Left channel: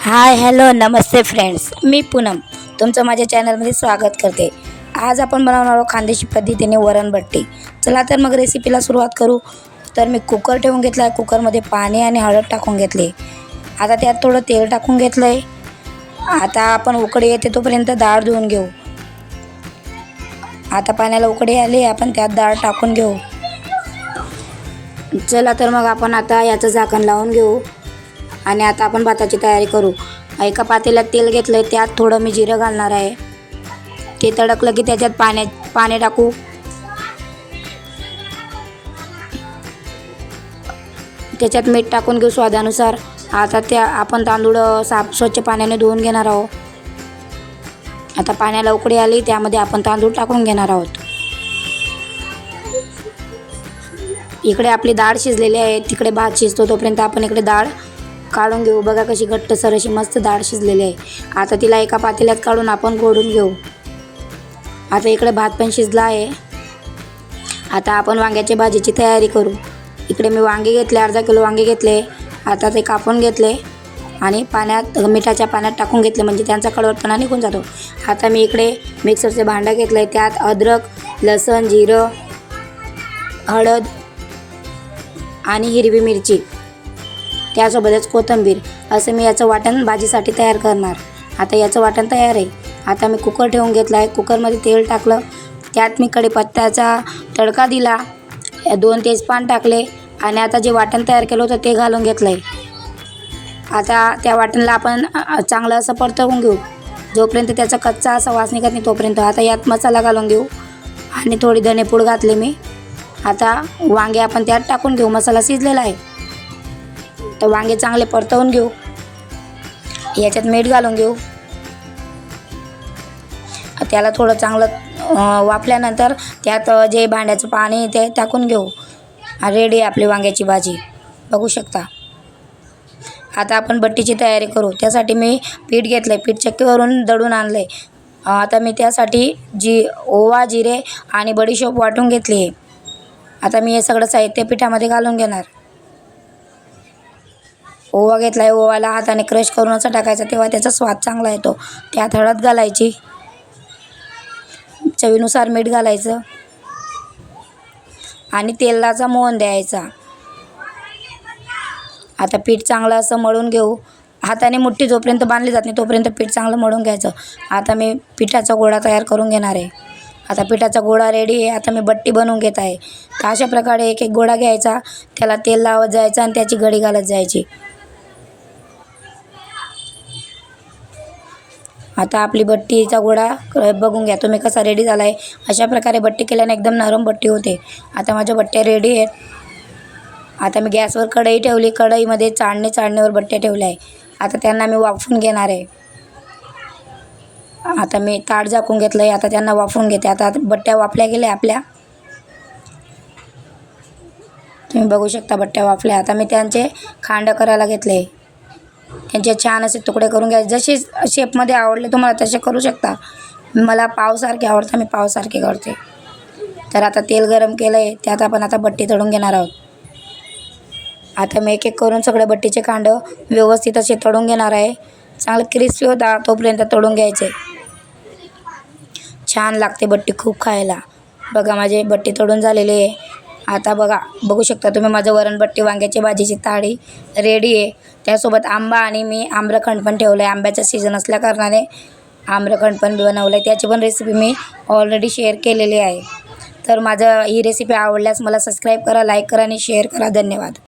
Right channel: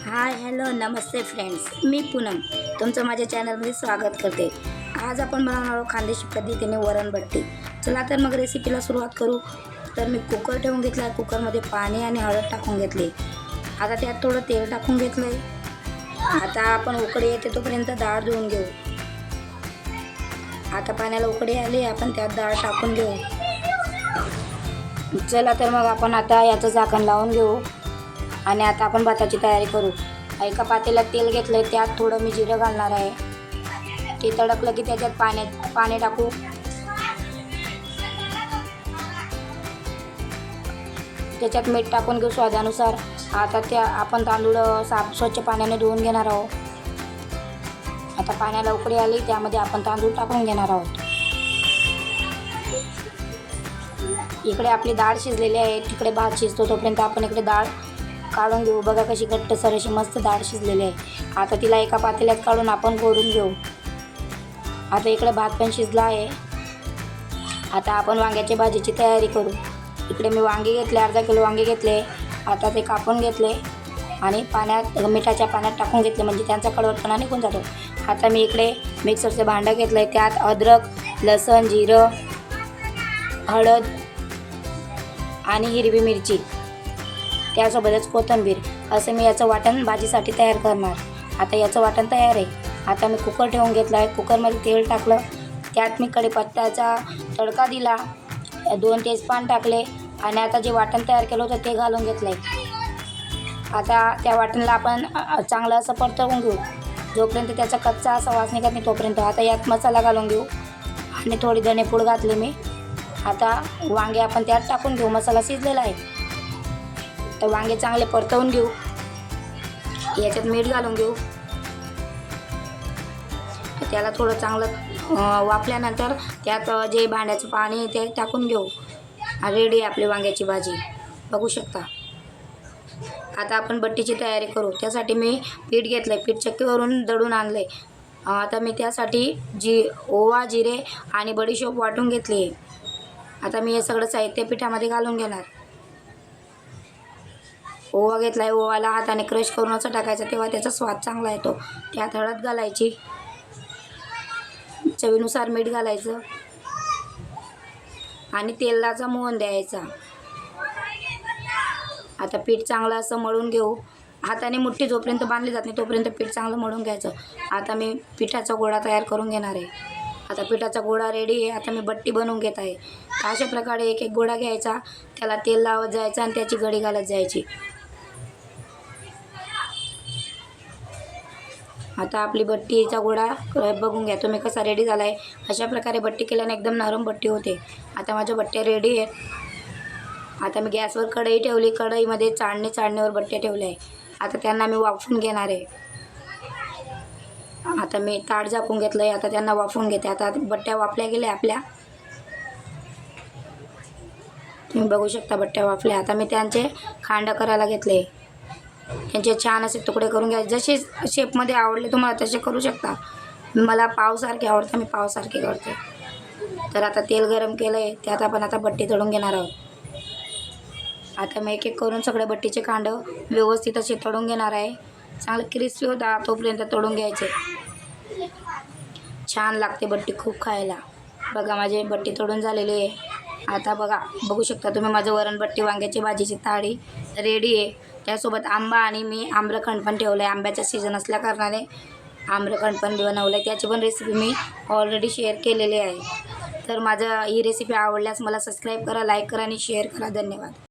हाय hello नमस्ते friends. मी पूनम. तुमचं माझ्या चॅनलमध्ये स्वागत करते. आज आपण बनवणार आहोत खानदेशी पद्धतीने वरणभट्टी चला तर मग रेसिपीला सुरुवात करू. तर मी कुकर ठेवून घेतला आहे कुकरमध्ये पाणी आणि हळद टाकून घेतले. आता त्यात थोडं तेल टाकून घेतलं आहे आता आपण उकडी येते तोपर्यंत डाळ धुवून घेऊ. आता पाण्याला उकडी आली आपण त्यात डाळ टाकून घेऊ. चला तर मग आपण आता याचं झाकण लावून घेऊ. आणि आता आपण भाताची तयारी करू. एका पातेल्यात तेल घेतलं आहे त्यात थोडं मी जिरं घालणार आहे. ते तडकलं की त्याच्यात पाण्यात पाणी टाकू. त्याच्यात मीठ टाकून घेऊ स्वादानुसार. आता त्या आपण तांदूळ साफ स्वच्छ पाण्याने धुवून घेणार आहोत. आता पाण्याला उकडी आली त्यामध्ये आपण तांदूळ टाकून घेणार आहोत. इकडे आपली डाळ शिजलेली आहे तिकडे भात शिजतो तोपर्यंत आपण इकडे डाळ काढून घेऊ. बघा कशी घट्टसर अशी मस्त डाळ शिजलेली आहे. आता तिला एका पातेल्यात काढून आपण गोडून घेऊ. आता इकडे भात पण शिजला आहे. आता आपण वांग्याच्या भाजीची तयारी करू. इकडे मी वांगे घेतले अर्धा किलो वांगे घेतले. आता ते कापून घेतले आणि पाण्यात मिठाच्या पाण्यात टाकून घेतले म्हणजे त्यांचा कडवटपणा निघून जातो. आता मी इकडे मिक्सरचे भांडं घेतलं आहे त्यात अद्रक लसण जिरं हळद आणि हिरवी मिरची. त्यासोबतच कोथिंबीर असं मी याचं वाटण भाजीसाठी तयार करणार. आता याचं वाटण तयार आहे. आता मी कुकर ठेवून घेतला आहे कुकरमध्ये तेल टाकलं. त्यात मी कढीपत्त्याचा तडका दिला. दोन तेजपान टाकले आणि आता जे वाटण तयार केलं होतं ते घालून घेतलं आहे आता त्या वाटणला आपण चांगलं असं परतवून घेऊ. जोपर्यंत त्याचा कच्चा असा वास निघत नाही तोपर्यंत. आता यात मसाला घालून घेऊ. आणि थोडी धनेपूड घातली मी. आता वांगे आपण त्यात टाकून घेऊ. मसाला शिजलेला आहे. तर वांगे चांगले परतवून घेऊ. याच्यात मीठ घालून घेऊ. त्याला थोडं चांगलं वापल्यानंतर वाफल्यानंतर त्यात जे भांड्याचं पाणी ते टाकून घेऊ. रेडी आपली वांग्याची भाजी. बघू शकता. आता आपण बट्टीची तयारी करू. त्यासाठी मी पीठ घेतलं आहे पीठ चक्कीवरून दळून आणलं आहे आता मी त्यासाठी जी ओवा जिरे आणि बडीशोप वाटून घेतली आहे. आता मी हे सगळं साहित्य पिठामध्ये घालून घेणार. ओवा घेतला आहे ओवाला हाताने क्रश करून असं टाकायचा तेव्हा त्याचा स्वाद चांगला येतो. त्यात हळद घालायची. चवीनुसार मीठ घालायचं. आणि तेलाचा मोहन द्यायचा. आता पीठ चांगलं असं मळून घेऊ. हाताने मुठ्ठी जोपर्यंत बांधली जात नाही तोपर्यंत पीठ चांगलं मळून घ्यायचं. आता मी पिठाचा गोळा तयार करून घेणार आहे. आता पिठाचा गोळा रेडी आहे. आता मी बट्टी बनवून घेत आहे. तर अशा प्रकारे एक एक गोळा घ्यायचा. त्याला तेल लावत जायचं आणि त्याची गडी घालत जायची. आता आपली बट्टीचा गोळा क- बघून घ्या तुम्ही कसा रेडी झाला आहे अशा प्रकारे बट्टी केल्याने एकदम नरम बट्टी होते. आता माझ्या बट्ट्या रेडी आहेत. आता मी गॅसवर कढई ठेवली. कढईमध्ये चाळणी चाळणीवर बट्ट्या ठेवल्या आहे आता त्यांना मी वाफून घेणार आहे. आता मी ताट झाकून घेतलं आहे आता त्यांना वाफवून घेते. आता बट्ट्या वाफल्या गेल्या आपल्या. तुम्ही बघू शकता बट्ट्या वाफल्या. आता मी त्यांचे खांड करायला घेतले. त्यांचे छान असे तुकडे करून घ्यायचे जसे शेपमध्ये आवडले तुम्हाला तसे करू शकता. मला पावसारखे आवडतं मी पावसारखे करते. तर आता तेल गरम केलं आहे त्यात आपण आता बट्टी तळून घेणार आहोत. आता मी एक एक करून सगळे बट्टीचे कांड व्यवस्थित असे तळून घेणार आहे. चांगलं क्रिस्पी होता तोपर्यंत तळून घ्यायचे. छान लागते बट्टी खूप खायला. बघा माझे बट्टी तळून झालेली आहे. आता बघा बघू शकता तुम्ही माझं वरणबट्टी वांग्याची भाजीची ताळी रेडी आहे. त्यासोबत आंबा आणि मी आम्रखंड पण ठेवलं आहे आंब्याचा सीझन असल्या कारणाने आम्रखंड पण बनवलं आहे त्याची पण रेसिपी मी ऑलरेडी शेअर केलेली आहे. तर माझं ही रेसिपी आवडल्यास मला सबस्क्राईब करा लाईक करा आणि शेअर करा. धन्यवाद.